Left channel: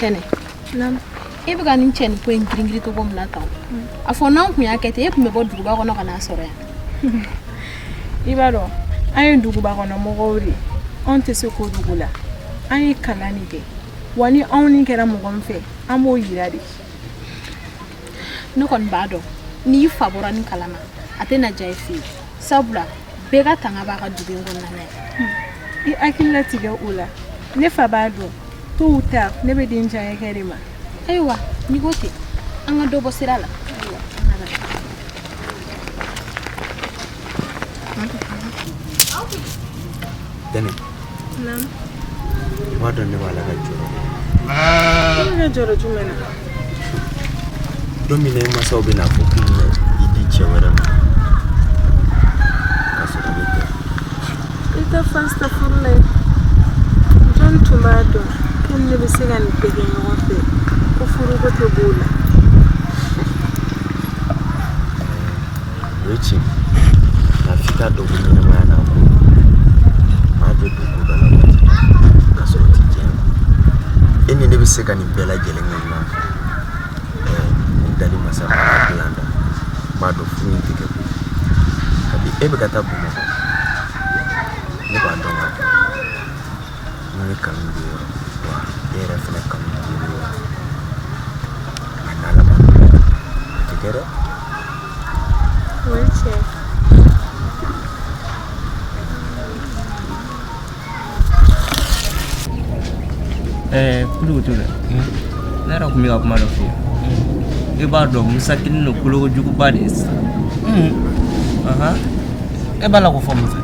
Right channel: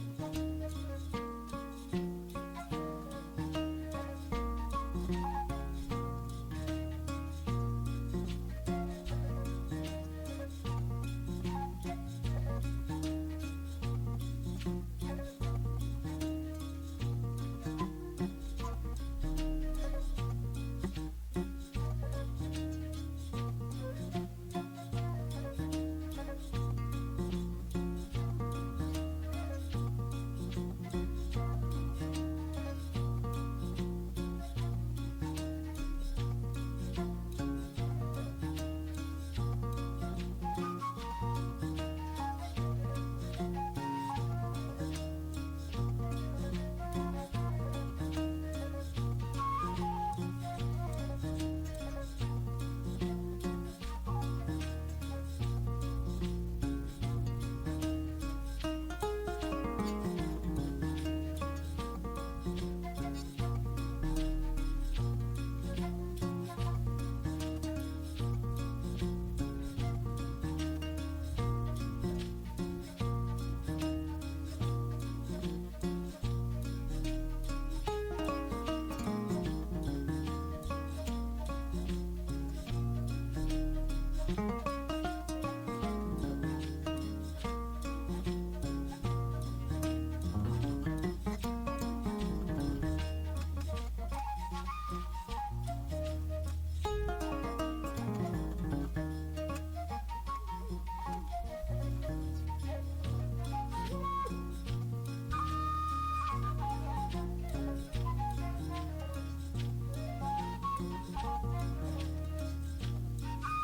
Tene. Nam. E bɛ ka nin cɛ ni ko in girin cogo min na tan. A fɔ n'an kun y'a kɛ ten e kun bɛ bɔ duguba kɔnɔ ka n'a sɔrɔ yan. I b'a dɔn an ye duguba kɔnɔ mɔgɔw de anw tɛ se k'o dugu la an ye kalan de kɛ wa ni anw ni kɛra mɔgɔ min fɛ an b'o yira de. Ne kɔni b'a dɔn n'i fa bɔra ni kalan na a tɛ na diya i fɛ yen sabula bɛɛ ka tanga b'a ka dugu in kɔnɔna ye. I hakilila tigɛ o la ne fa b'a dɔn tôt ou tard ne bɛ den diya kɛ de ma. Ayiwa n'i ko ten an ka dɔ bɔ sira la. Dani. Nam. Ma dɔn ne b'a la ka jɔrɔ. Ne ka jɔrɔ jumɛn na? Don min na i mansaw bɛna fɔ k'i bɛna i di cɛ wɛrɛ ma k'a sɔrɔ i bɛ tɛ. I tɛ fastafurula ye. Jɔn tun b'a dɔn ko ne bɛ se ka nin bɛɛ kɛ ɲɔgɔn fɛ ko furuko tɛ b'o la. O ye tiɲɛ nka f'i k'a dɔn ko ɲɛnɛmaya n'a ko maa bɛ don ko dɔ la waati k'a sɔrɔ o tɛ diya e ni ne bɛ se ka nin bɛɛ lajɛlen kɛ ɲɔgɔn fɛ ni dali masa b'a dilan dɔn maa dɔn furu in tɛ kɛ koyi kabi e bɛ ka taa Bamakɔ ne b'a dɔn ka fɔ ne kanu bɛ yɔrɔ wa e yɛrɛ fana kanu bɛ yɔrɔ nka n'Ala ma o tɛ kɛ dɛ. O ye tiɲɛ ye. Kudugutu dɛ ne yɛrɛ tun bɛ ka kuma dɔ fɔ i b'a dɔn Musa kelen don kolokojuguba de ye sisan. E b'a la ko fɔ Musa?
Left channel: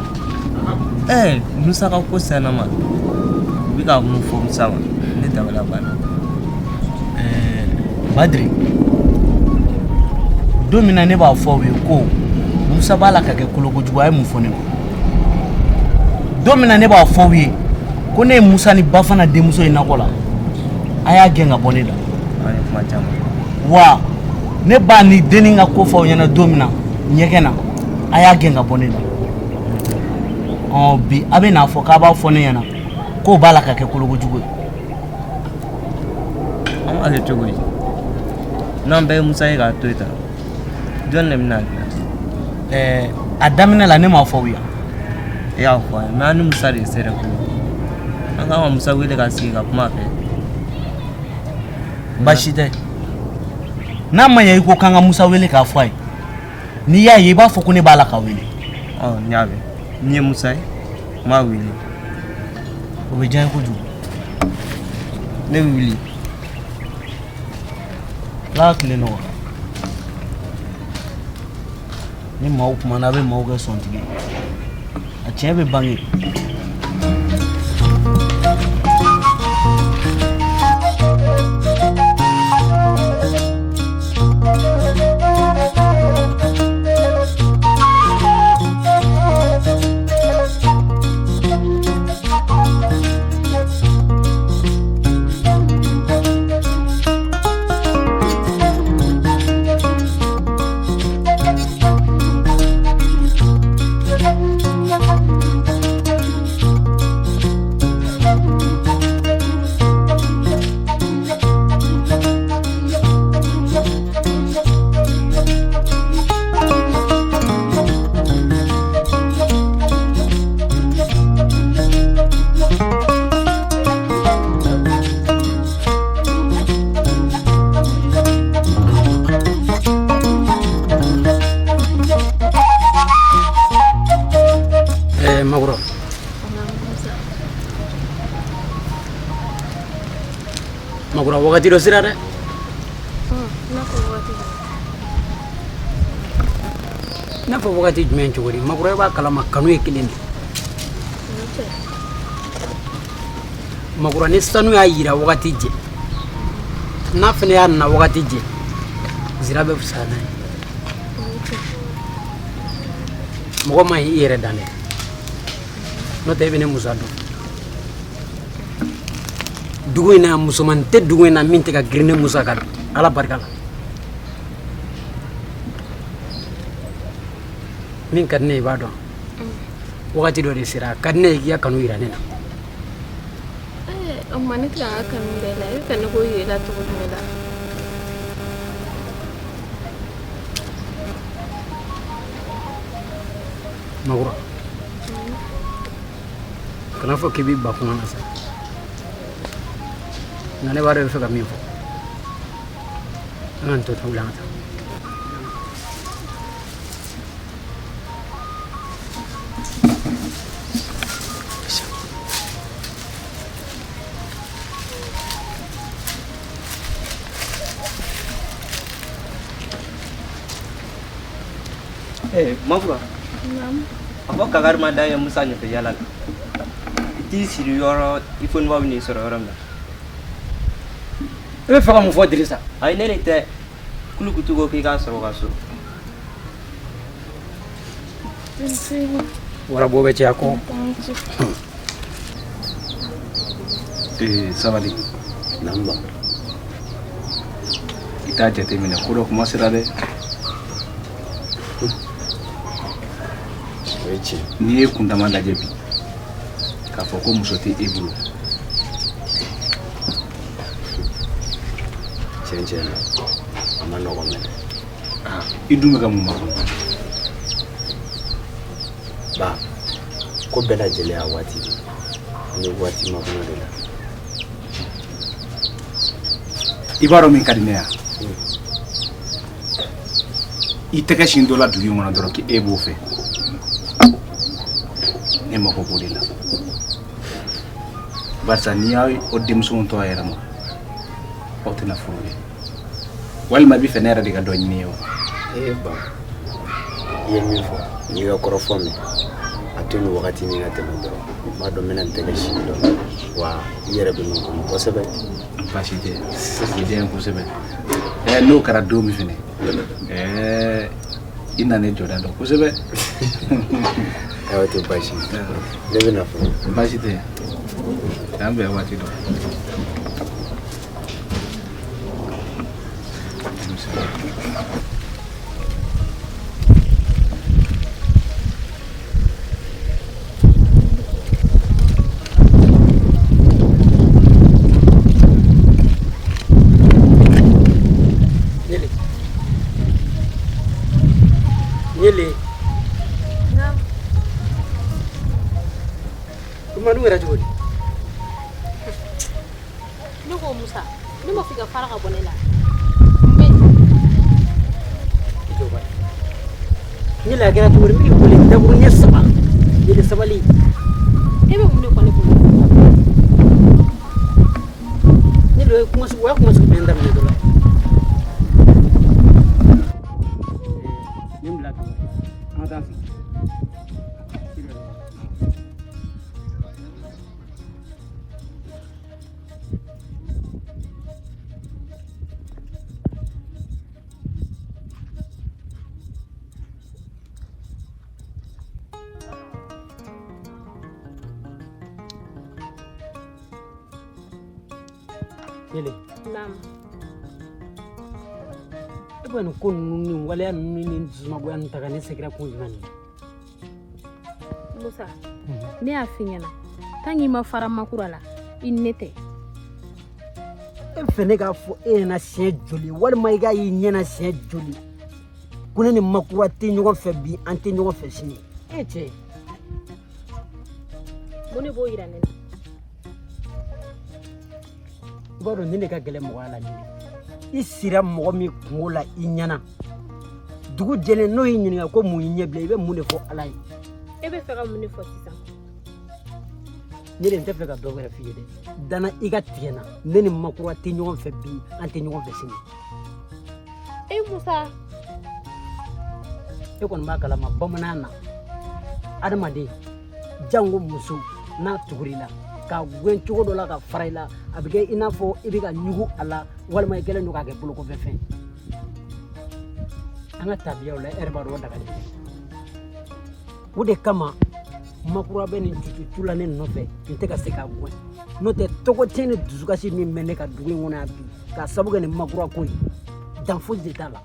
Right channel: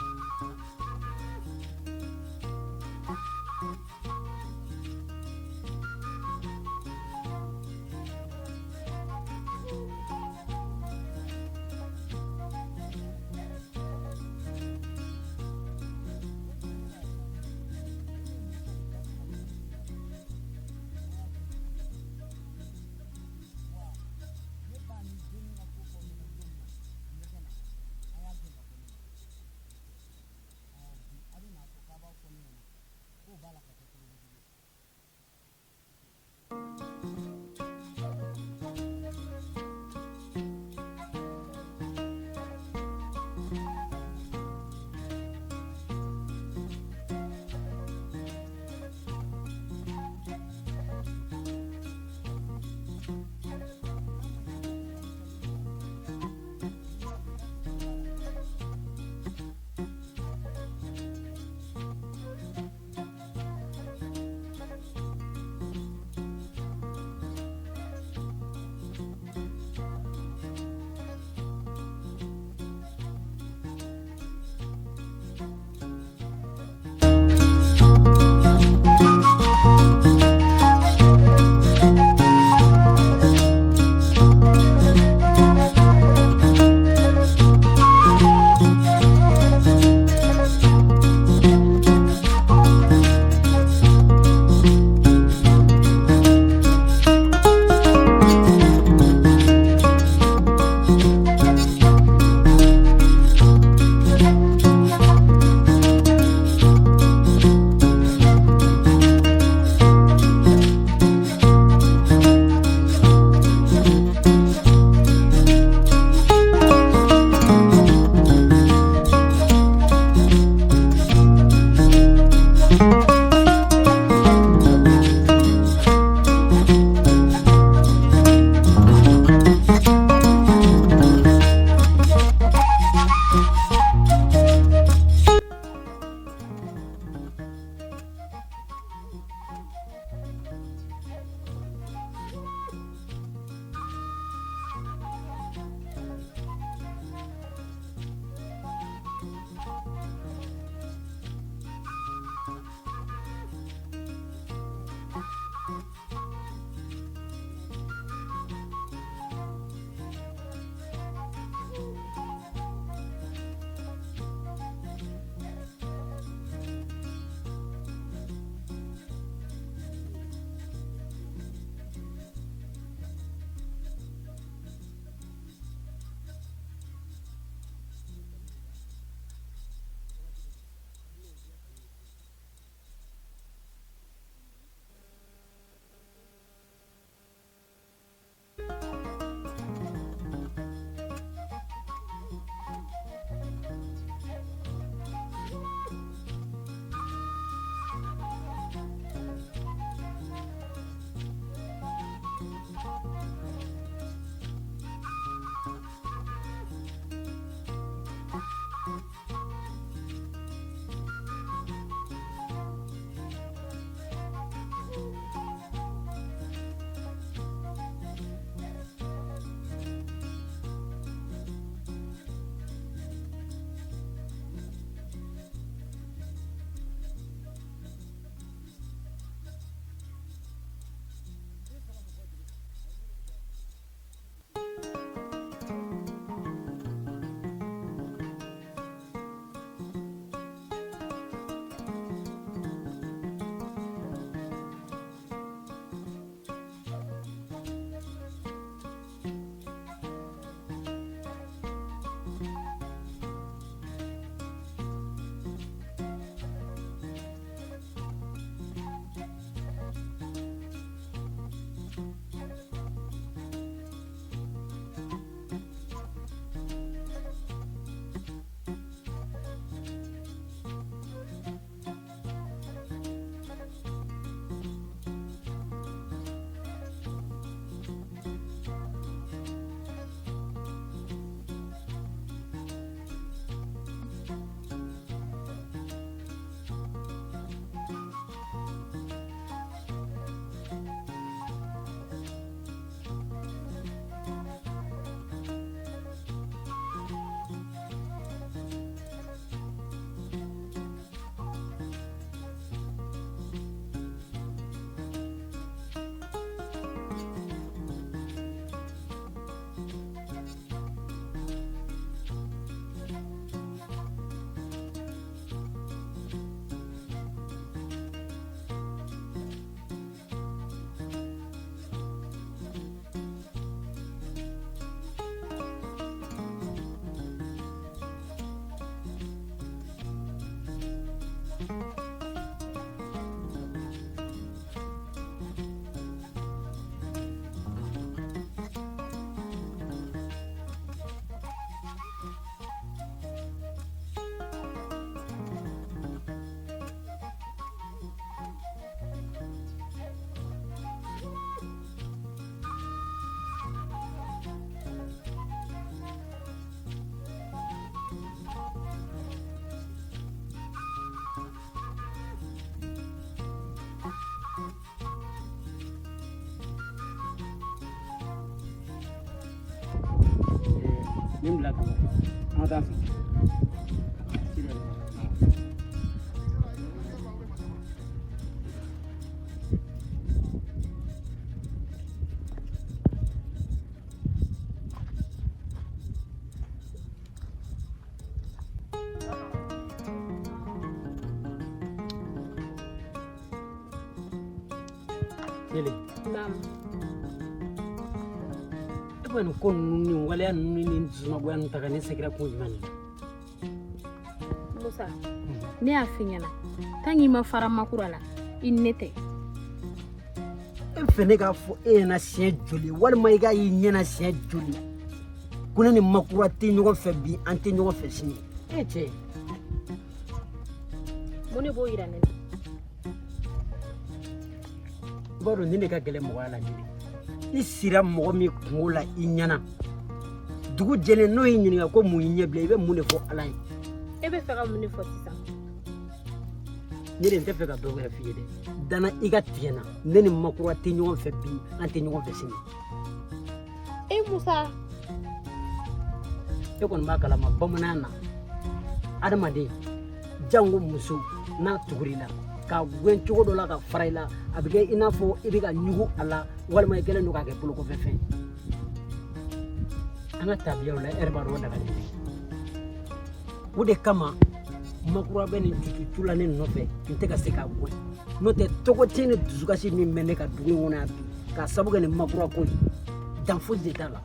Musa ka ko sɛnɛ ma u bɛ ka mun fɔ Musa ma ne dabala banna. Badiri don min na ne b'a fɔ aw ye ko Musa b'a la ka kɛ kolokojugu a ye mun fɔ ne ma? Don min na ne b'a fɔ aw ye ko ne ye Musa ni Bafana denmuso ye nakɔ la a y'a gɛn ka bɔ ne la. Kuma caman. Wa ne b'a ni denni ka ko fɔ aw ɲɛna don min na ɲɛgɛn na a y'a gɛn ka bɔ ne la. Bi a bɛ n'a fɔ k'a b'a fɔ ne ɲɛna k'o b'a la ka kɛ kolokojugu ye. An b'a kɛ cogo di? N'an bɛɛ ye Musa ye k'a to yen tan jɔn de bɛna dilan? A daminɛ la ne m'a fɔ aw ye. E y'a fɔ an ye mais an ni Musa de sera ko an kan ka Musa wele ka sigi ka kuma fɛ. Baasi tɛ n'a ma ɲɛ i ko k'an ka Musa wele k'a fɔ a ye n'i y'a ye i b'a fɔ ko ne b'a la ka wele. N y'a mɛn ni ye Musa ye n b'a wele. O bɛ diya n ye kojugu. Ne bɛ wuli. Ala ka tile nɔgɔya. Ni maaw kumana a bɛ maaw kɛ sɔntigi a tiɲɛ bɛ bange. Magura wakati dɔ sira dɛ. N'a fɔ wakati jumɛn cogo di? Magura i b'a kalama kanu ye kelen de. Magura ni sanu y'a yira wakati jɛ n'a fana y'a na wakati jɛ zira bɛ fisaya n'a ye. Mɔgɔ ma ɲi i yɛrɛ dan dɛ n'o tɛ i bɛ ne Musa dɔn. Dugu in na musoman tɛ dugu in na min tɛ ka girin ne Musa kan Ala barika la. Min ka di ne ye i b'a dɔn wakati dɔ de sera a ka di ne ye k'i ka kanu yira ne na. amma ne tila ka kanu da la ka ne ko yi la to ne la Magura kana fɔ k'i b'i ba kuma na sa nka ne b'a dɔn i bɛ fɛ ka min fɔ an ka nin to tugu la an ka taa Mafura. Apa kagar mada yang musanya ke jalan. Itu siri yoro ifun wa ni soro orang. I bɛ fɛ ka mun fɔ Dirisa Ai ne ne tɛ kulu kutu ko k'i ka sɔrɔ ka so. warabɔ bɛ caya kɔ sabali namba i t'a jateminɛ ko dɔ kuma sera dɛ n'i ye kuntama lajɛ bi k'a fɔ ko muso tɛ e bolo tiɲɛ na a ma nɔgɔn dɛ i dun bɛ ka mun makɔnɔ ba ko bɛɛ lajɛlen a waati ni waati makɔnɔ de la i b'a dɔn min ka di ne yan i tɛgɛ sin dɔ la dugu in kɔnɔ dɔrɔn k'e b'o fɛ ne mako b'o de la barisa n'i y'a o denmusow to a yɛrɛ ma aw tɛna furu ye walima i bɛ fɛ ne yɛrɛ de ka dɔ ɲini ye wa ba i ye min fɔ n'i ka kɔrɔfɔ mɛn a to ni wagati ni ka tɛmɛ dɔrɔn n b'a dɔn n bɛna n tɛgɛ sin dɔ la wa i yɛrɛ bɛ min kɔnɔ kosɛbɛ baasi tɛ o diya n kosɛbɛ n'o kɛra don min fɛnɛ i na ne jɔda dɔn kosɛbɛ ayiwa tɛ baasi ne bɛna fɔ baasi tɛ k'an bɛn waati dɔ Manu yɛrɛ cogo di ne ko Musa ne ma f'i ka fara ka bɔ ne la Nyele a kɛra cogo di n b'i boli daburu ɲɛ 3 Nyele sabali e bɛ mun de kɔ ne bolo Nyele o ye kuma sugu bɛɛ daminɛ dɔrɔn nin bila ka an ka taa fɛ Nyele Mama e bɛ nin ko ninnu ni waleya ninnu ni dusumagoya ninnu ta ka ne sɛgɛrɛ kun jumɛn de Musa ne y'a f'i ɲɛna tant que i ma fara makura la i ni ne tɛ e fɛ ne k'a fɔ e ɲɛna siɲɛ joli walima i k'a y'i ɲɛna siɲɛ joli ko ne ni makura tɛ ɲɔgɔn fɛ bi an tɛ ɲɔgɔn fɛ sini e cɛ mun de b'o yira ne la i b'a dɔn nin de ka gɛlɛn mɔgɔya la nin i sira mɔgɔ min kungo la i ɲɛna dugu jɛlen n'o y'i ɲininka ko mun y'i ɲɛ bila i bɛ mun de fɔ Ala ye e bɛ fɛ ka mun de fɔ sisan ne de n tɛ fɛ ka dɔ wɛrɛ f'i ye dɛ danna i ka tigɛ na ne ni makura tɛ ɲɔgɔn fɛ bi an tɛ ɲɔgɔn fɛ sini e Musa e kɔni b'a kalama bamanan na adamaden jango muso n'a tugura i la ka gɛn cogo dɔ la ka fara i la a bɛ kɛ i n'a fɔ i bɛ ka ɲugu a la walima i kɛlen don k'a kɛ bolokɔfɛfɛn an ka tabiyaw la e yɛrɛ b'a dɔn o dabali o de kama makura bɛ nin cucu la ne nɔfɛ n tɛ ka se k'a bɔ n'o tɛ tɔgɔ tiɲɛ ni dusukasi min bɛ ne ka dugu in kɔnɔ yan bi k'a sabu kɛ nin makura ko ye dan foyi de t'a la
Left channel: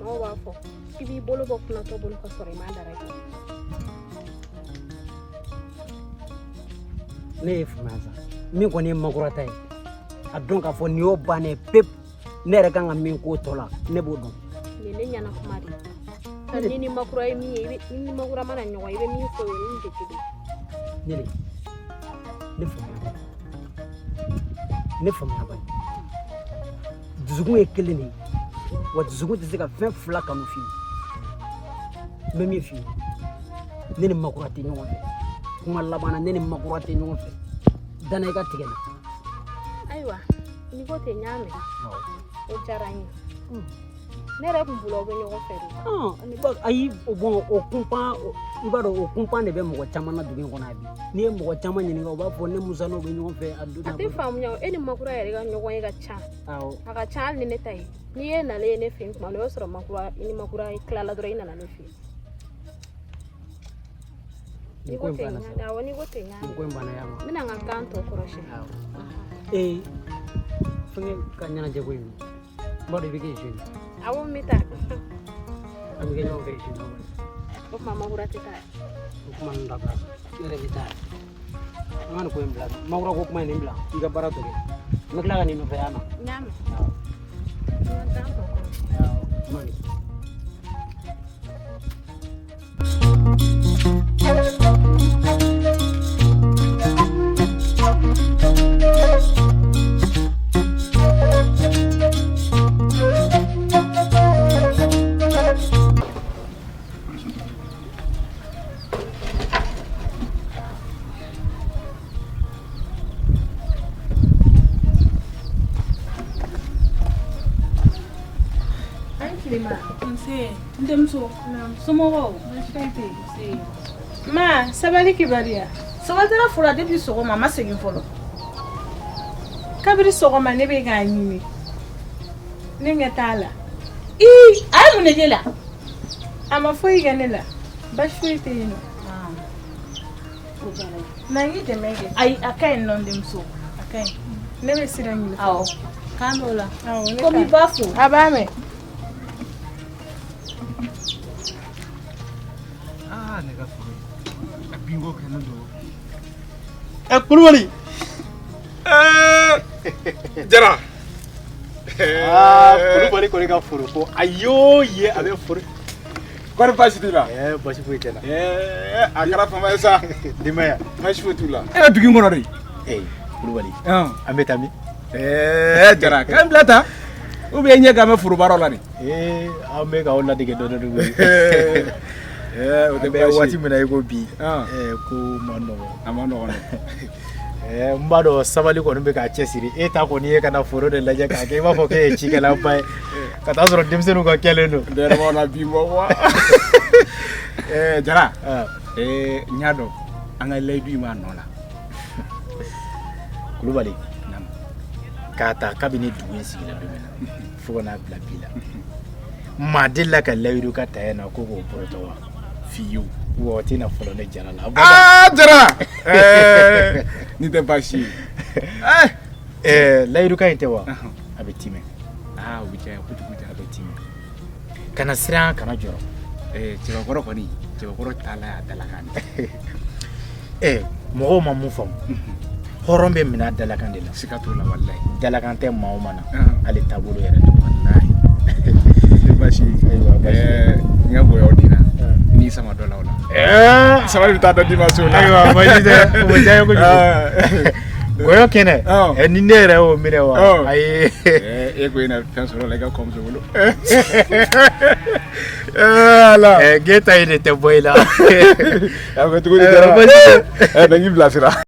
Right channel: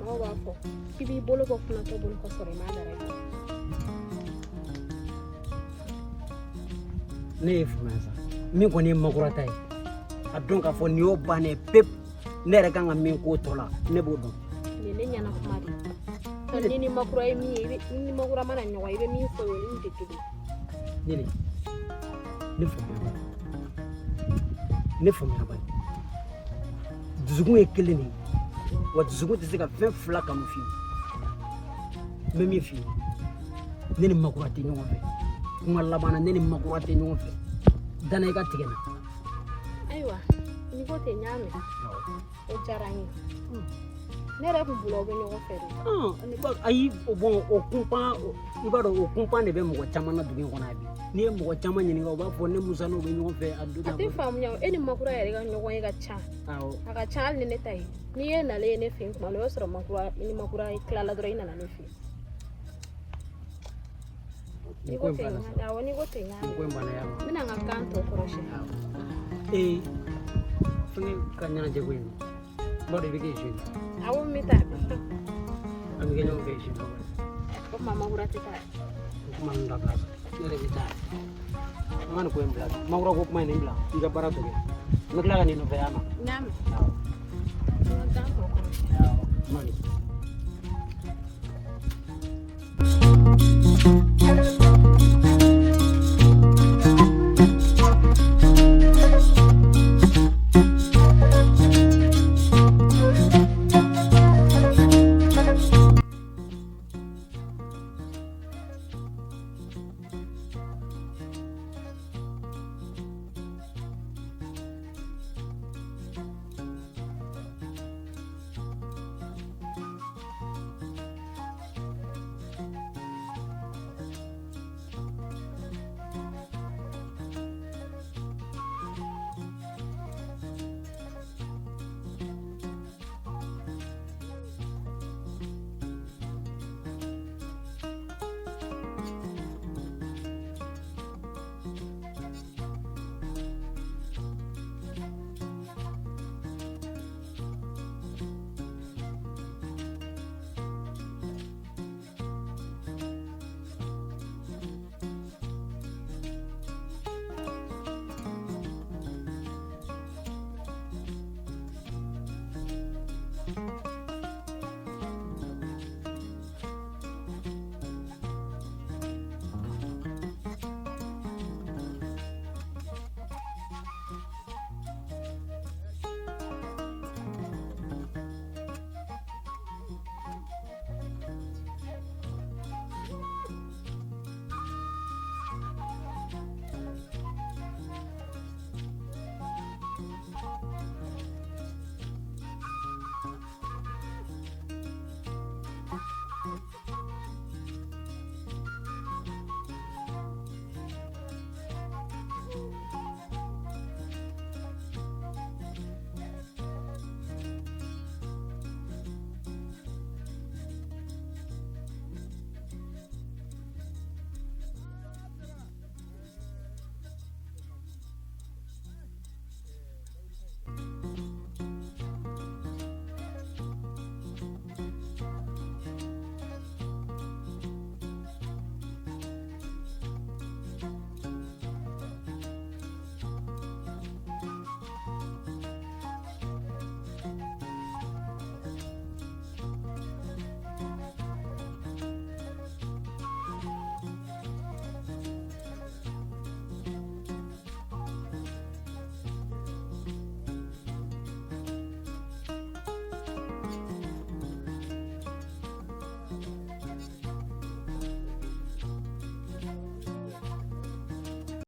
maaw b'a fɔ i b'i bolo bɔ funatɔ bolo ka sɔrɔ i m'a dara ne ye fanga sa min kɔni ye makurata ye a dɔn k'a fɔ nin y'o bannen pep ne yɛrɛ kan ka min k'o tɔ la ne b'o dɔn nin ne ɲɛna kuma de ni ni makura ye min ye ni makura mana ɲɔgɔn i bɛ min fɔ o ye min tɛ kelen Nele, ne faamuya bani dusukun ye kelen de ye wa dusukun tɛ se ka fɛn fila kanu f'i ye n bɛ min f'i ye ne ni makura tɛ ɲɔgɔn fɛ kuma laban na ne ni makura tɛ ɲɔgɔn fɛ danna i ka tigɛ na ayiwa ni ko ten n y'a mɛn o diyara n ye ne yɛrɛ tun bolo aw bɛ ɲɔgɔn fɛ de ayi bon o kunpan i b'a dɔn o kunpan de bɛ mɔgɔ caman na dugu in kɔnɔ bi n'i ye mɔgɔ caman ɲininka o b'a fɔ ne musa n'o bɛ ɲɔgɔn fɛ a don a tɛ faamuya e ni makura yɛrɛ ka ɲɔgɔn ye ka ca a ka ca hali ni ne ta ye n'i ye nalen ye ne fɛ yen tuma o y'a sɔrɔ makura i ni makura tilala dɔrɔn i nana ne fɛ yen n'i ko ten awɔ n'i ko ten n y'a mɛn n bɛna n ka gan tɔ kɔrɔsiyɛn fɛngɛ ka ɲɛnajɛ ko in n b'a dɔn i bɛ kɛ jeune awɔ n bɛ taa a bɛ kɛ ɲɔgɔn fɛ jeune o tuma makura tɛ taa o kuma ninnu dabila ne yɛrɛ bɛ taa an ka nin ko in bila makura ko kuma in nin bila i ka baara tɔ kɛ n bɛ tila ka nin nɔfɛ yan na n y'a mɛn n ka gan tɔ kɔrɔsiyɛn ma sabali kibaruya sabatara fura depuis sɔgɔma ma segin fɔlɔ kabiri sɔgɔma ne bɛ k'a ɲini ne ɲɛ t'a la a ye mun de kɛ la a ma foyi kɛ ne la basi foyi tɛ yen nɔ na n y'i dɛmɛ kɛ ayi a ka ɲi nɔ denmuso a ka ɲi ne bɛ sira ɲini awɔ kan dɔw la komi i b'a fo a b'a mɛn Kulubali Jara Kulubali kɔni ka foro ko a y'o ye a bɛ foro kɔni baasi t'u la baasi foyi tɛ na a kɛra fama ye sa denbaya baasi foyi t'u la e bɛ dugu in kɔnɔ de Kulubali an bɛ taa min Jara k'an bila tan ou bien ɲɛ k'an bɛ foro baaraw la de an bɛ k'aw ladege dɔɔnin dɔɔnin o tɛ bɛ waati min na i ko bi ko ma nɔgɔn a ma nɔgɔn n b'a dɔn sabali kɔni bɛ k'a cɛsiri e ta kɔni ye ka na foro de lajɛ k'a kɛ i b'a fɔ k'e ye cikɛlaba ye ka taa sɔrɔ denmisɛnninw ka kɛlen don dɛrɛmaw na bi bɔ wa Jara n y'a dɔn an ka layidu in b'a nɔ la Kulubali k'a ta kabini dugu in sigila don min na fo ka n'a bila bi la maa delila ka layidu ka ta yan na ko k'o bɔrɔtɔ wa fiyewu wa o tɛna fɔlɔ ne Jara la Jara nin tɛ baasi ye layidu ka in tɛ wa a bɛ timɛ o bɛ diya kojugu a bɛ timɛ kana siran kana jɔrɔ cɛbakɔrɔ kɔni cɛbakɔrɔ taala y'a dalakan de mɔgɔw ma mun faamu hɔrɔn bɛ minɛ dalakan de la siga t'o la walayi dalakan tɛ maa o maa na ale taabolo yɛrɛ de walayi baasi n ka bonya o dina ni sama dɔ la o la sabali bɛ taa dɔ dimanche o la ayiwa baasi tɛ o bɛ diya n ye kojugu goyɔ kɛnɛ ni ne yɛrɛ y'o minɛ wa ayi e ko i na fɛn sɔrɔ la i ka kɔmuso bolo ala ge ta ye de tɛ bɔ i la a bɛ cogo di Jara baasi tɛ na k'i bilasira